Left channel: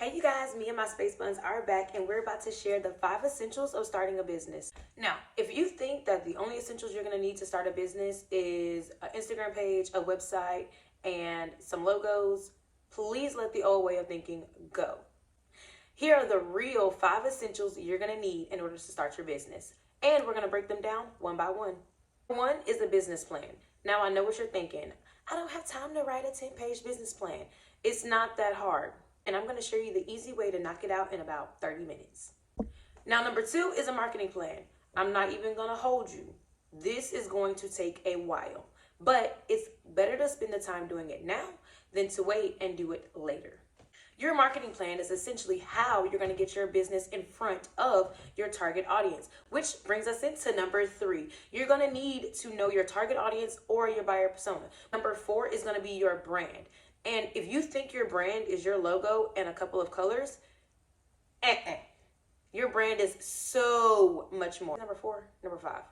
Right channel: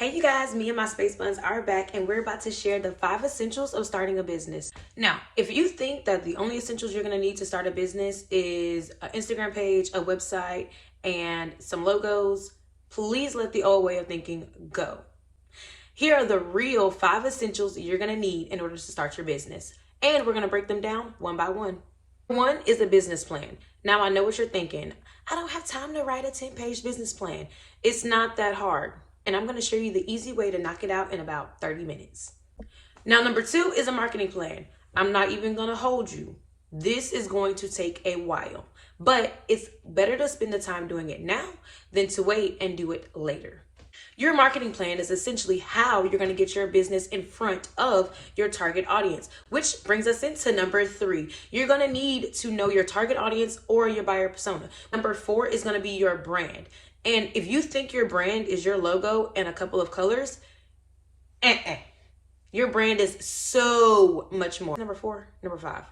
Hey you guys, me and my space buns are back and we're about to share the 5 essentials of starting a business. Now, if you think that the only essentials you're going to need to start a business is an Instagram page, a website, and some logos, please let the old way of thinking go. Here are the real 5 essentials you're going to need in order to start your business. And we're going to break them down one by one. One is a business plan. Now, I know what you're thinking. I don't have time to write a 10-page business plan. It's not that hard. And I'm going to show you the easy way to knock it out in about 30 minutes. Now, number 2 is a marketing plan. I'm not even going to hold you. This is going to take a while, but it's better to spend the time doing it now than to wait and do it later. Your marketing plan is essentially how you're going to get your business in front of your target audience, which brings us into number 3. You're going to need to know your target audience or your buyer persona. Number 4 is going to be your brand. And if you think your brand is your logo and a couple of colors, your brand is so much more. Number 5.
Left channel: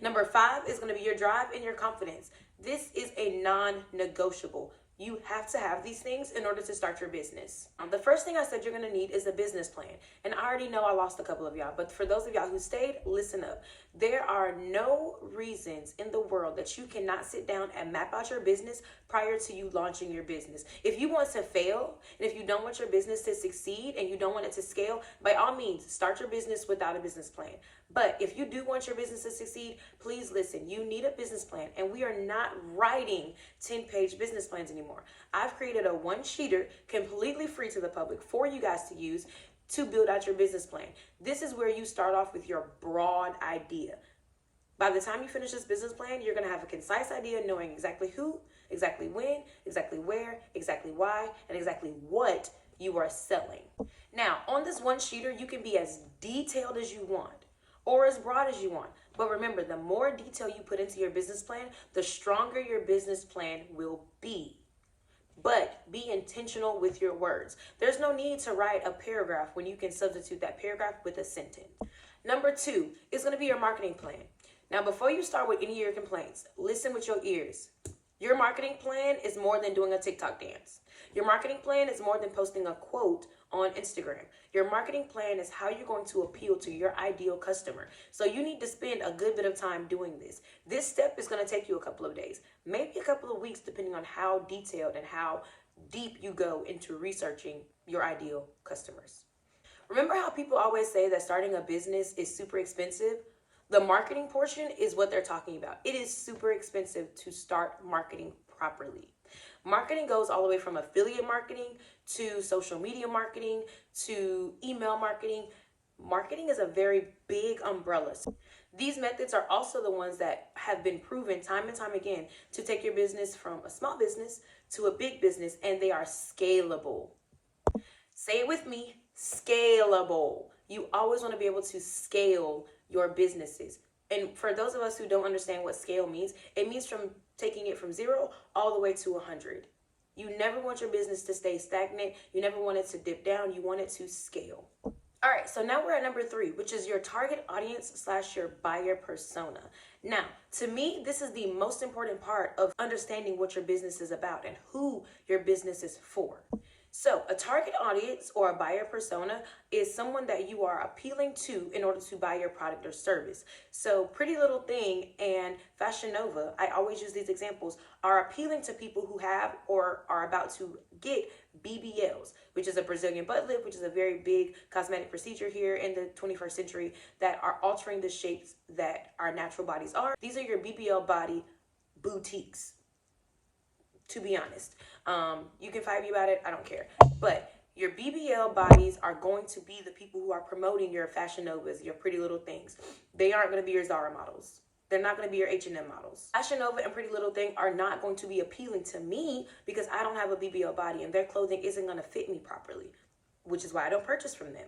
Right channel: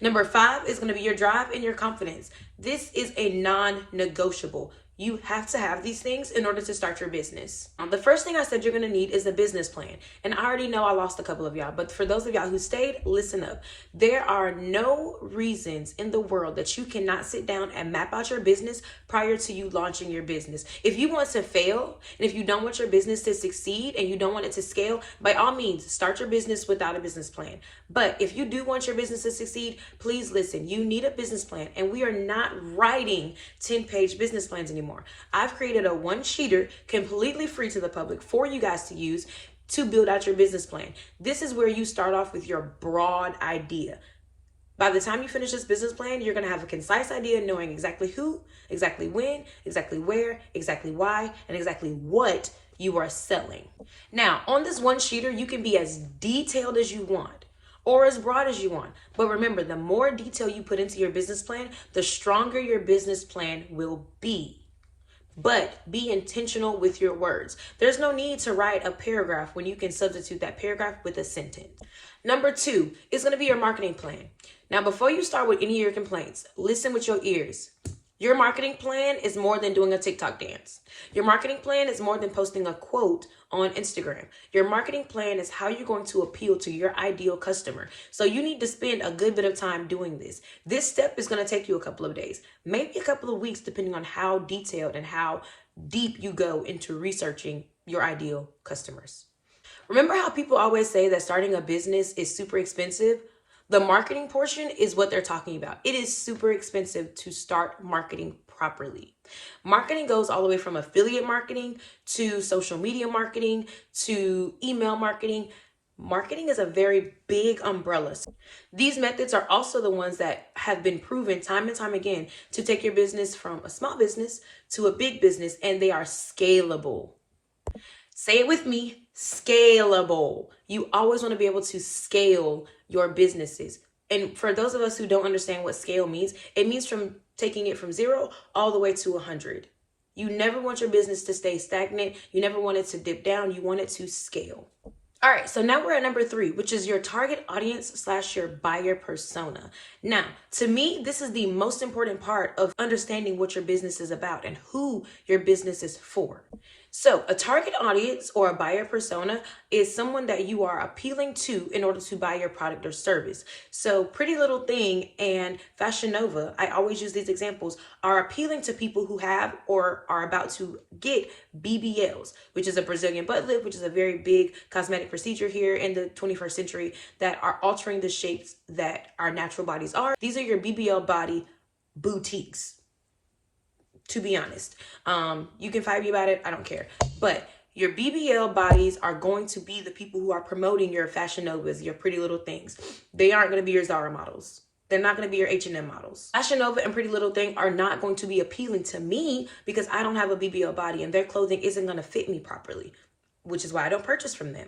Number 5 is going to be your drive and your confidence. This is a non-negotiable. You have to have these things in order to start your business. The first thing I said you're going to need is a business plan. And I already know I lost a couple of y'all, but for those of y'all who stayed, listen up. There are no reasons in the world that you cannot sit down and map out your business prior to you launching your business. If you want to fail, and if you don't want your business to succeed and you don't want it to scale, by all means, start your business without a business plan. But if you do want your business to succeed, please listen. You need a business plan, and we are not writing 10-page business plans anymore. I've created a one-sheeter completely free to the public for you guys to use to build out your business plan. This is where you start off with your broad idea. By the time you finish this business plan, you're going to have a concise idea knowing exactly who, exactly when, exactly where, exactly why, and exactly what you are selling. Now, on this one-sheeter, you can be as detailed as you want or as broad as you want. But remember, the more detail you put into your business plan, the stronger your business plan will be. But be intentional with your words. There's no need to write a paragraph when you can substitute that paragraph with a sentence. Number 2 is going to be your marketing plan. Now, before you start with any of your complaints, listen with your ears. Your marketing plan is more than doing a TikTok dance. Your marketing plan is more than posting a quote on Instagram. Your marketing plan is how you're going to appeal to your ideal customer. So you need to spend a good bit of time doing this. This step is going to take you a couple of days, maybe a couple of weeks, depending on how detailed and how deep you go into researching your ideal customers. Remember how people always say that starting a business is super expensive? The marketing portion is what they're talking about. It is super expensive to start marketing properly. Marketing goes all the way from affiliate marketing to social media marketing to email marketing. Marketing is a very big umbrella. These methods are also the ones that have been proven time and time again to take your business from a small business to a big business, and they are scalable. Say it with me, scalable. You always want to be able to scale your businesses. And for those of us who don't understand what scale means, it means from taking it from 0 all the way to 100. You never want your business to stay stagnant. You never want it to dip down. You want it to scale. All right, so now we're at number 3, which is your target audience / your buyer persona. Now, to me, this is the most important part of understanding what your business is about and who your business is for. So a target audience or a buyer persona is someone that you are appealing to in order to buy your product or service. So Pretty Little Thing and Fashion Nova, I always use these examples, are appealing to people who have or are about to get BBLs, which is a Brazilian butt lift, which is a very big cosmetic procedure here in the 21st century that are altering the shapes that our natural bodies are. These are your BBL body boutiques. To be honest, you can fight me about it. I don't care. But your BBL bodies are going to be the people who are promoting your Fashion Novas, your Pretty Little Things. They aren't going to be your Zara models. They're not going to be your H&M models. Fashion Nova and Pretty Little Thing are not going to be appealing to me because I don't have a BBL body and their clothing isn't going to fit me properly, which is why I don't purchase from them.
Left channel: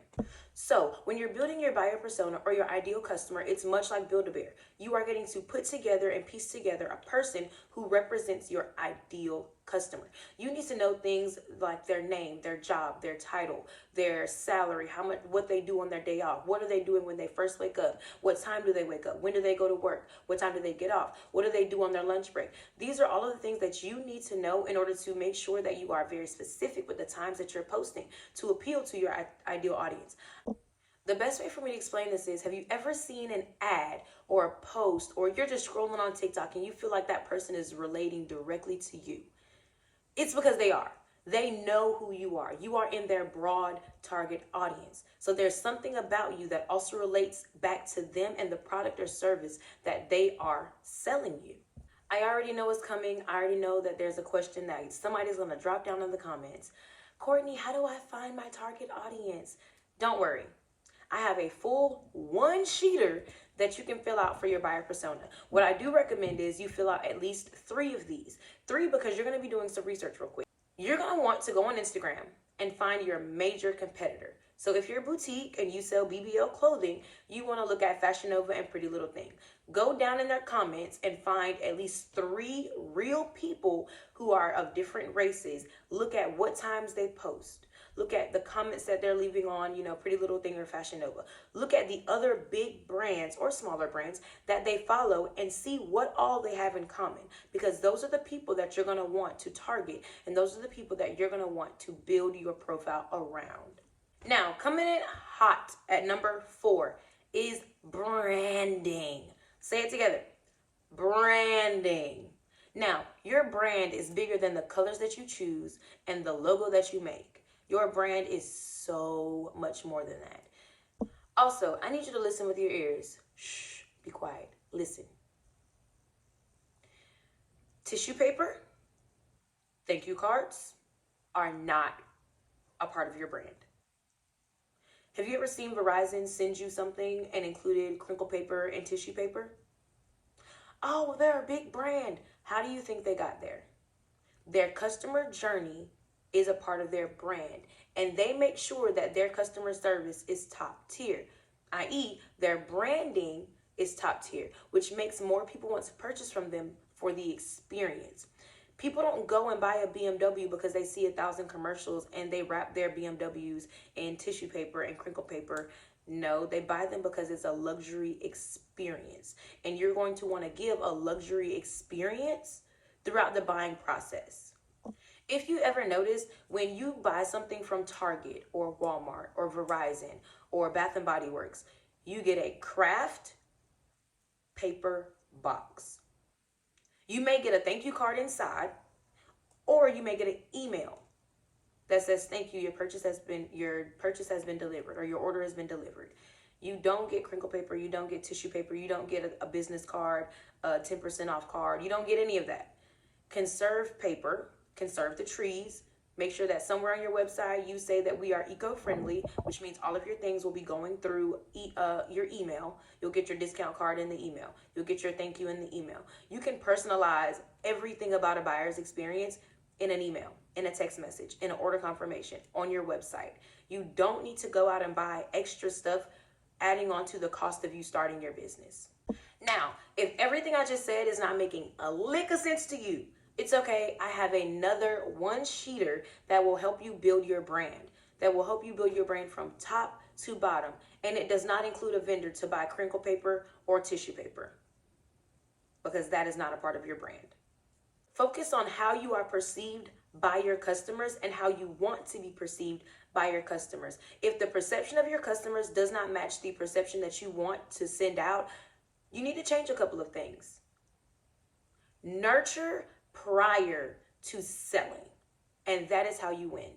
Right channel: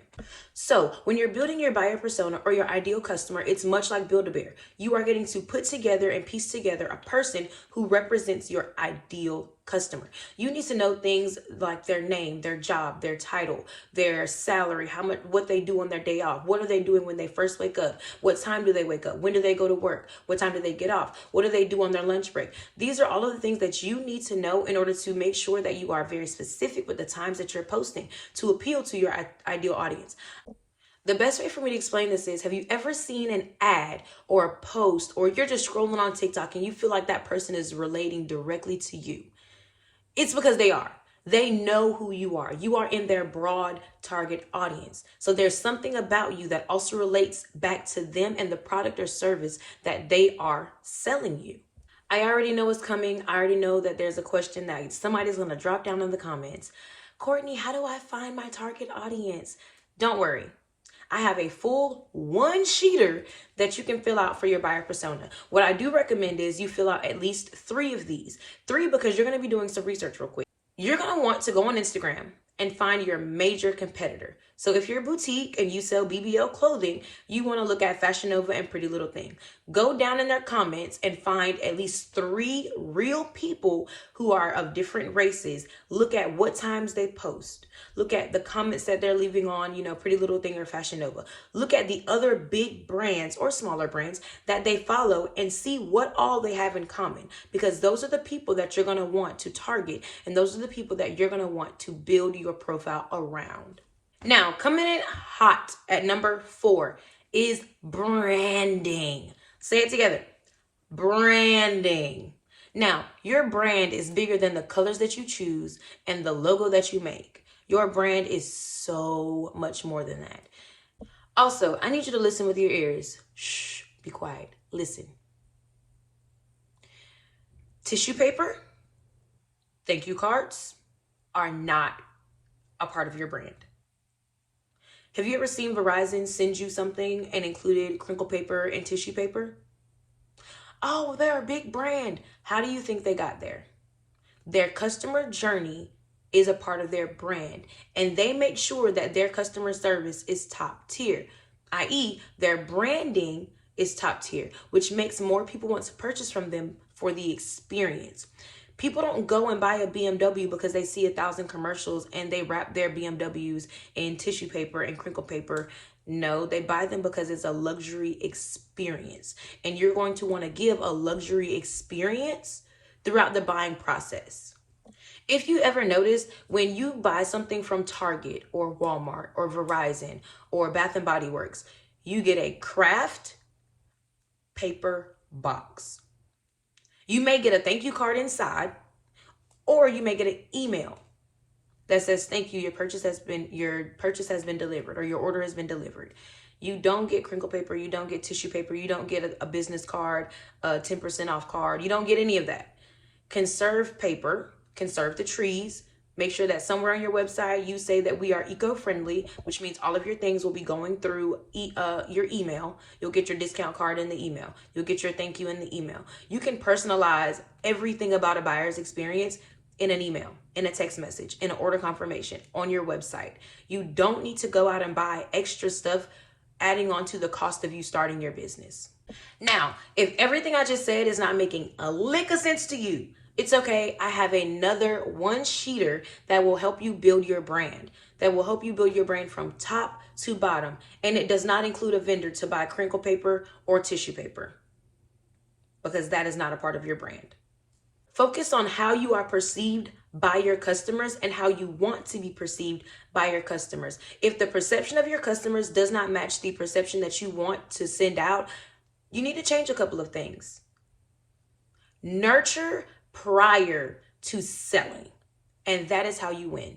So when you're building your buyer persona or your ideal customer, it's much like Build-A-Bear. You are getting to put together and piece together a person who represents your ideal customer. You need to know things like their name, their job, their title, their salary, how much, what they do on their day off, what are they doing when they first wake up, what time do they wake up, when do they go to work, what time do they get off, what do they do on their lunch break. These are all of the things that you need to know in order to make sure that you are very specific with the times that you're posting to appeal to your ideal audience. The best way for me to explain this is, have you ever seen an ad or a post, or you're just scrolling on TikTok and you feel like that person is relating directly to you? It's because they are. They know who you are. You are in their broad target audience. So there's something about you that also relates back to them and the product or service that they are selling you. I already know what's coming. I already know that there's a question that somebody's going to drop down in the comments. Courtney, how do I find my target audience? Don't worry. I have a full one-sheeter that you can fill out for your buyer persona. What I do recommend is you fill out at least 3 of these. 3 because you're going to be doing some research real quick. You're going to want to go on Instagram and find your major competitor. So if you're a boutique and you sell BBL clothing, you want to look at Fashion Nova and Pretty Little Thing. Go down in their comments and find at least 3 real people who are of different races. Look at what times they post. Look at the comments that they're leaving on, Pretty Little Thing or Fashion Nova. Look at the other big brands or smaller brands that they follow and see what all they have in common, because those are the people that you're going to want to target, and those are the people that you're going to want to build your profile around. Now, coming in hot at number 4 is branding. Say it together. Branding. Now, your brand is bigger than the colors that you choose and the logo that you make. Your brand is so much more than that. Also, I need you to listen with your ears. Shh, be quiet. Listen. Tissue paper, thank you cards are not a part of your brand. Have you ever seen Verizon send you something and included crinkle paper and tissue paper? Oh, they're a big brand. How do you think they got there? Their customer journey is a part of their brand, and they make sure that their customer service is top tier, i.e. their branding is top tier, which makes more people want to purchase from them for the experience. People don't go and buy a BMW because they see 1,000 commercials and they wrap their BMWs in tissue paper and crinkle paper. No, they buy them because it's a luxury experience. And you're going to want to give a luxury experience throughout the buying process. If you ever notice, when you buy something from Target or Walmart or Verizon or Bath and Body Works, you get a craft paper box. You may get a thank you card inside, or you may get an email that says, thank you, your purchase has been delivered, or your order has been delivered. You don't get crinkle paper, you don't get tissue paper, you don't get a business card, a 10% off card. You don't get any of that. Conserve paper, conserve the trees. Make sure that somewhere on your website you say that we are eco-friendly, which means all of your things will be going through your email. You'll get your discount card in the email. You'll get your thank you in the email. You can personalize everything about a buyer's experience in an email, in a text message, in an order confirmation, on your website. You don't need to go out and buy extra stuff adding on to the cost of you starting your business. Now, if everything I just said is not making a lick of sense to you, it's okay. I have another one-sheeter that will help you build your brand, that will help you build your brand from top to bottom. And it does not include a vendor to buy crinkle paper or tissue paper, because that is not a part of your brand. Focus on how you are perceived by your customers and how you want to be perceived by your customers. If the perception of your customers does not match the perception that you want to send out, you need to change a couple of things. Nurture prior to selling, and that is how you win.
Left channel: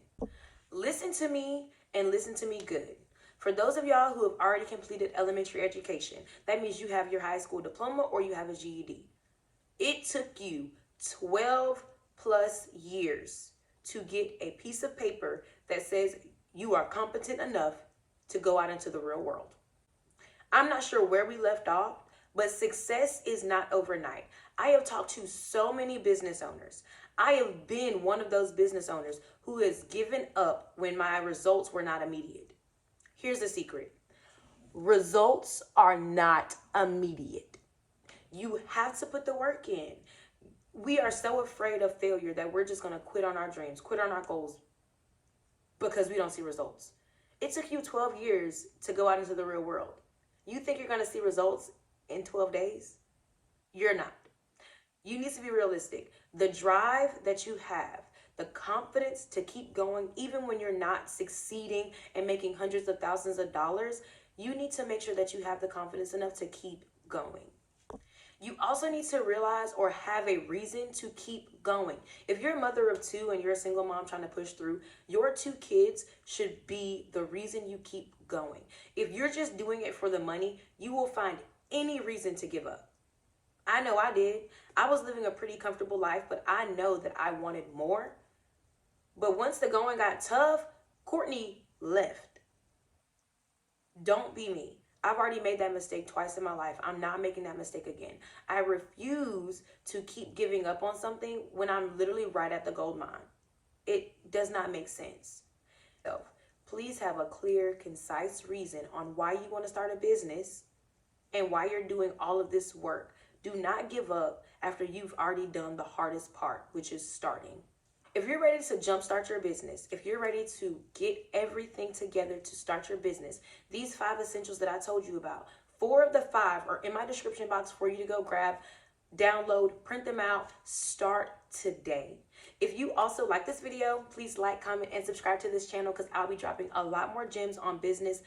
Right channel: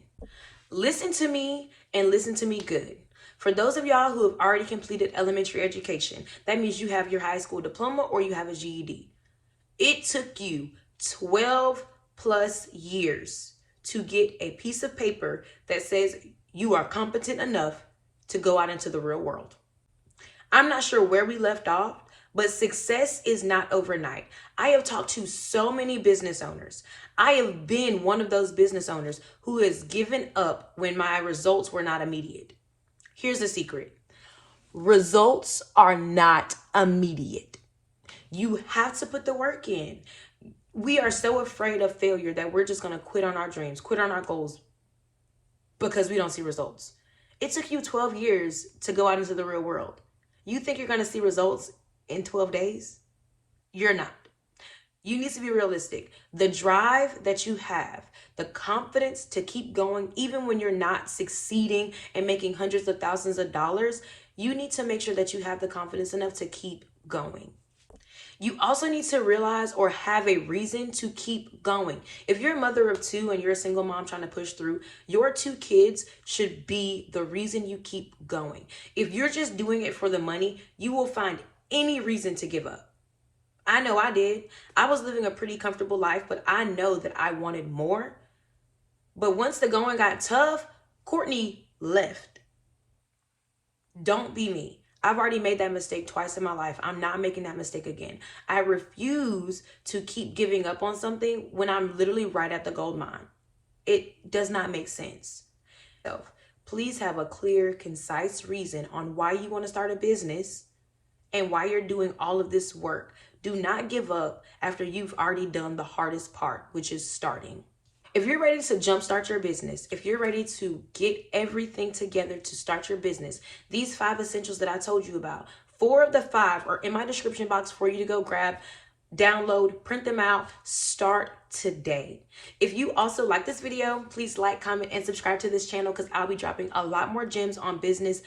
Listen to me and listen to me good. For those of y'all who have already completed elementary education, that means you have your high school diploma or you have a GED. It took you 12 plus years to get a piece of paper that says you are competent enough to go out into the real world. I'm not sure where we left off, but success is not overnight. I have talked to so many business owners. I have been one of those business owners who has given up when my results were not immediate. Here's the secret. Results are not immediate. You have to put the work in. We are so afraid of failure that we're just going to quit on our dreams, quit on our goals because we don't see results. It took you 12 years to go out into the real world. You think you're going to see results in 12 days? You're not. You need to be realistic. The drive that you have, the confidence to keep going, even when you're not succeeding and making hundreds of thousands of dollars, you need to make sure that you have the confidence enough to keep going. You also need to realize or have a reason to keep going. If you're a mother of two and you're a single mom trying to push through, your 2 kids should be the reason you keep going. If you're just doing it for the money, you will find any reason to give up. I know I did. I was living a pretty comfortable life, but I know that I wanted more. But once the going got tough, Courtney left. Don't be me. I've already made that mistake twice in my life. I'm not making that mistake again. I refuse to keep giving up on something when I'm literally right at the gold mine. It does not make sense. So please have a clear, concise reason on why you want to start a business and why you're doing all of this work. Do not give up after you've already done the hardest part, which is starting. If you're ready to jumpstart your business, if you're ready to get everything together to start your business, these 5 essentials that I told you about, 4 of the 5 are in my description box for you to go grab, download, print them out, start today. If you also like this video, please like, comment, and subscribe to this channel because I'll be dropping a lot more gems on business